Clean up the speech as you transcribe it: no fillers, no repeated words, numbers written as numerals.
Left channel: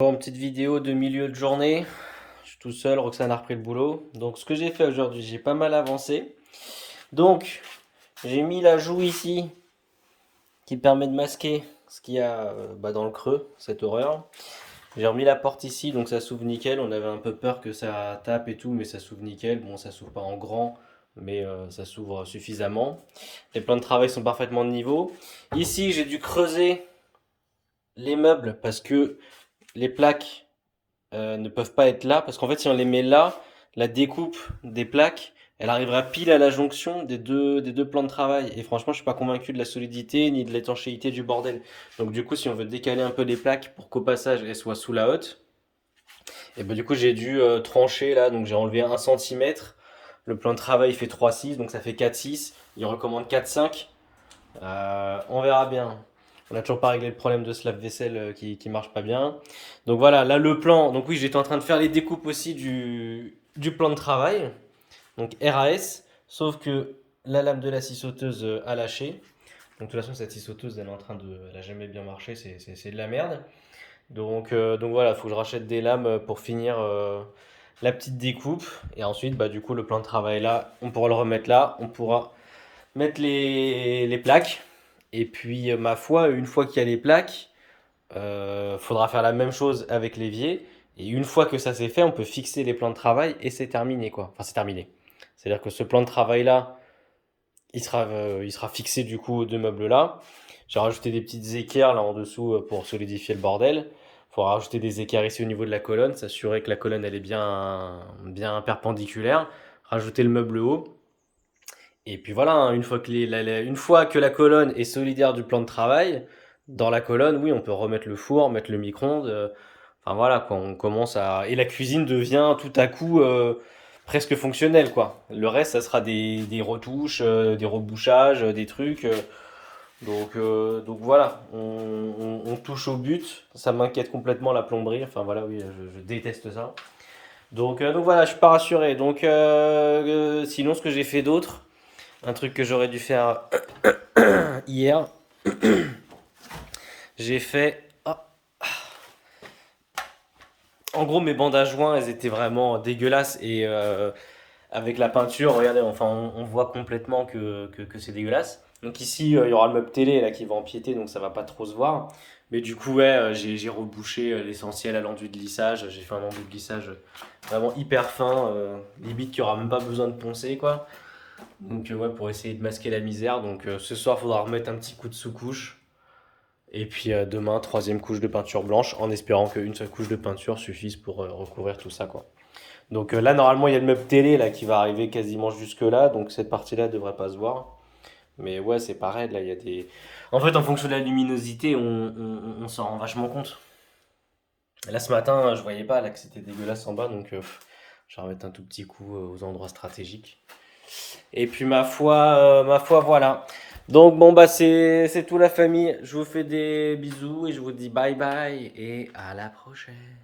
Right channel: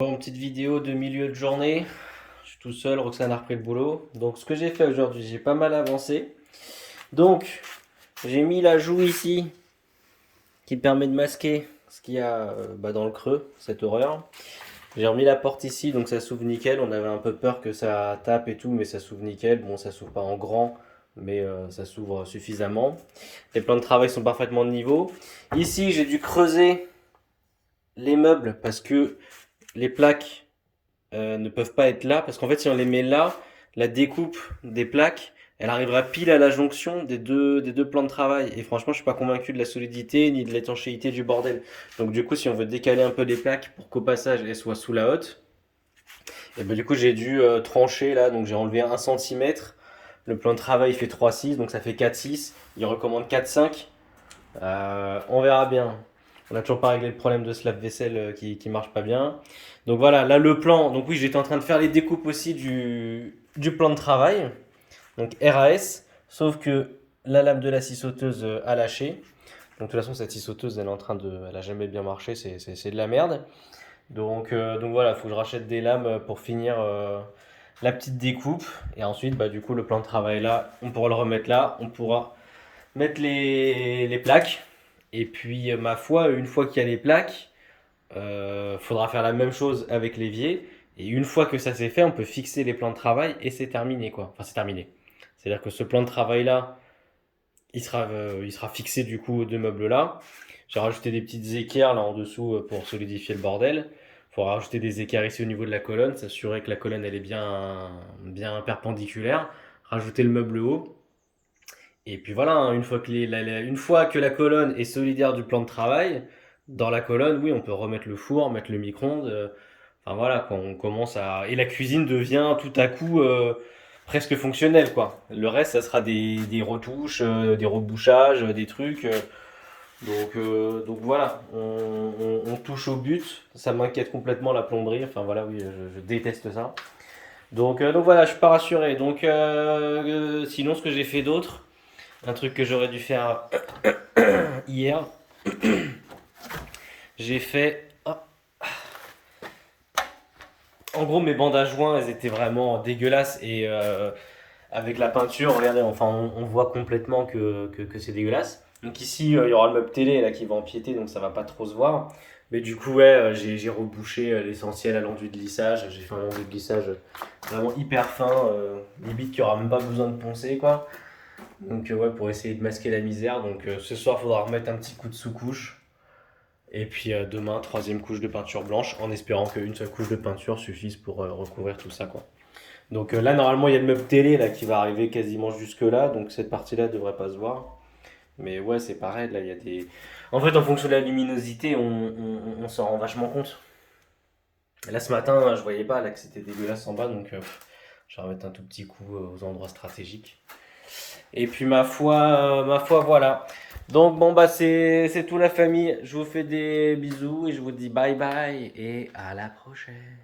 Bon, petite vidéo de milieu de journée. Je suis tout seul, Roxane a repris le boulot. Donc, ce que j'ai fait aujourd'hui, j'ai pas mal avancé. Donc, j'ai mis l'ajout ici qui permet de masquer ce qu'il y a dans le creux, cette horreur. J'ai remis la porte ici, donc ça s'ouvre nickel. On avait un peu peur que ça tape et tout, mais ça s'ouvre nickel. Bon, ça s'ouvre pas en grand, mais ça s'ouvre suffisamment. Les plans de travail sont parfaitement de niveau. Ici, j'ai dû creuser les meubles parce que les plaques ne peuvent pas être là, parce qu'en fait, si on les met là, la découpe des plaques, elle arrivera pile à la jonction des deux plans de travail. Et franchement, je suis pas convaincu de la solidité ni de l'étanchéité du bordel. Donc du coup, si on veut décaler un peu les plaques pour qu'au passage, elles soient sous la hotte, et ben du coup, j'ai dû trancher là, donc j'ai enlevé 1 cm. Le plan de travail fait 3,6, donc ça fait 4,6. Il recommande 4,5. On verra bien. On n'a toujours pas réglé le problème de ce lave-vaisselle qui marche pas bien. Donc voilà, là le plan. Donc oui, j'étais en train de faire les découpes aussi du plan de travail. Donc RAS. Sauf que la lame de la scie sauteuse a lâché. Donc de toute façon, cette scie sauteuse, elle a jamais bien marché. C'est de la merde. Donc voilà, il faut que je rachète des lames pour finir la petite découpe. Et ensuite, bah, du coup, le plan de travail là, on pourra le remettre là. On pourra mettre les plaques. Et puis, ma foi, une fois qu'il y a les plaques, faudra faire la même chose avec l'évier. Et une fois que ça c'est fait, on peut fixer les plans de travail et c'est terminé quoi. Enfin, c'est terminé. C'est-à-dire que ce plan de travail là, il sera fixé du coup aux deux meubles là. J'ai rajouté des petites équerres là en dessous pour solidifier le bordel. Il faudra rajouter des équerres ici au niveau de la colonne, s'assurer que la colonne elle est bien perpendiculaire. Rajouter le meuble haut. Et puis voilà, hein, une fois que la colonne est solidaire du plan de travail, dans la colonne, oui, on peut remettre le four, mettre le micro-ondes. Enfin voilà, quand on commence à. Et la cuisine devient tout à coup presque fonctionnelle, quoi. Le reste, ça sera des retouches, des rebouchages, des trucs. Donc voilà, on touche au but. Ça m'inquiète complètement la plomberie. Enfin voilà, oui, je déteste ça. Donc voilà, je suis pas rassuré. Sinon, ce que j'ai fait d'autre. Un truc que j'aurais dû faire hier, j'ai fait. En gros, mes bandes à joints, elles étaient vraiment dégueulasses et avec la peinture, regardez, enfin, on voit complètement que c'est dégueulasse. Donc ici, il y aura le meuble télé là qui va empiéter, donc ça va pas trop se voir. Mais du coup, ouais, j'ai rebouché l'essentiel à l'enduit de lissage. J'ai fait un enduit de lissage vraiment hyper fin, limite qu'il n'y aura même pas besoin de poncer, quoi. Donc ouais, pour essayer de masquer la misère. Donc ce soir, il faudra remettre un petit coup de sous-couche. Et puis demain, troisième couche de peinture blanche, en espérant qu'une seule couche de peinture suffise pour recouvrir tout ça, quoi. Donc là, normalement, il y a le meuble télé là qui va arriver quasiment jusque là, donc cette partie-là devrait pas se voir. Mais ouais, c'est pareil, là, il y a des. En fait, en fonction de la luminosité, on s'en rend vachement compte. Là, ce matin, je voyais pas là que c'était dégueulasse en bas, donc je vais remettre un tout petit coup aux endroits stratégiques. Et puis ma foi, voilà. Donc bon bah c'est tout la famille. Je vous fais des bisous et je vous dis bye bye et à la prochaine.